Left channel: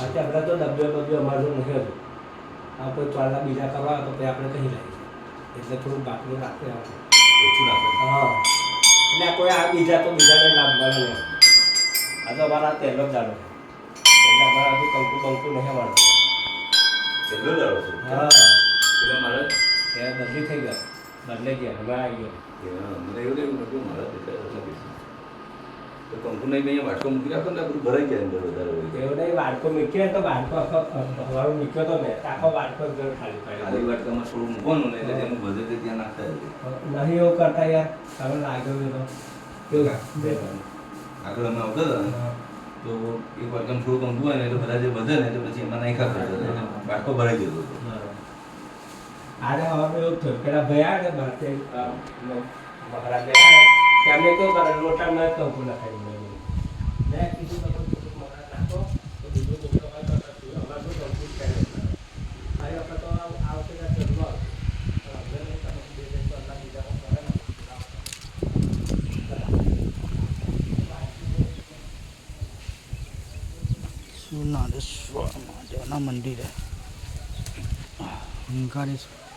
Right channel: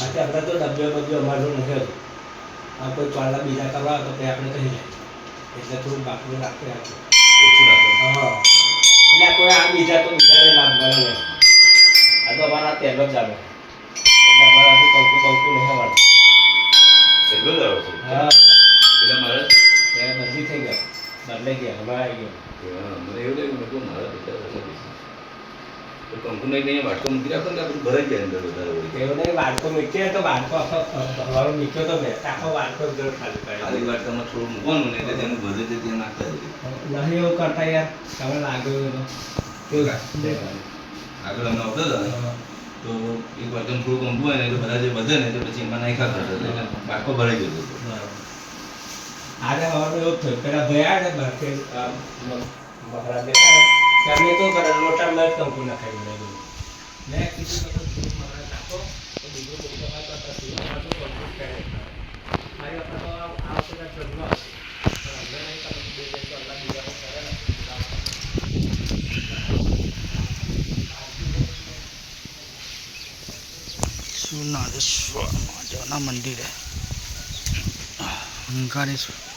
બાકી આપણે તો ડબ્બે અમારું નથી હતું. આ કોઈ ચોળા બીજા કરવા હોય તો તે આપણે કહી જાય એટલે થોડું બાકડું રાખી રાખે ઓછું રાખે. હા એટલે કોઈ આ બીજા તો બીજાને લાભ મળે નહીં. આ તો અમારા પહેલો જ જાડો એટલે અમારા હજુ કંકુ નહીં મળે. એટલો જ આવે છે. હા એટલે મારે એ બદલી થઈ ગયો બદલાઈ ગયા હવે આવી ગયો. મને એવું લાગ્યું હતું મારા પિતા તો કંકુ નહીં વાટકો મૂકી રાખો ને આપણું ભરાઈ જાય અંદર વધારે હોય. એવું નહીં વાડકો મૂકીએ તો વાડકો આખો હવારો મૂક્યો તો મેં આખો વાડકો એકદમ ખાલી ખાલી વાટકામાં થોડું મૂકવાનું ને એટલે તેનું ભરે છે ત્યાં નાખતા જાય. નહીં એવું કરતા યાર તમે લાગ્યું તો કેવું કાંઈ આગળ અમે આવતા હતા ને તો એક વાટકામાં થોડું કંકુ હોય ને એટલે બધા જે વધે ને એટલે પછી એમાં નાખ્યા કરતા હતા એટલે વાટકો ભરાઈ જતો હતો. આજે હવે એવું થયું પેલા ભાઈ આવે ને બહારથી મકરા બે આવે તેમને તો કરે મોટા મેં કંકુ નખાઈ દીધું મેં કીધું બધું થોડુંક મકરા નાખો તો બીજું કંકુ કરતા કંકુ કરે આપણે તો આ વખતે ચડવા સોનારેશ્વર મહાદેવના મંદિરે ઓંકારેશ્વર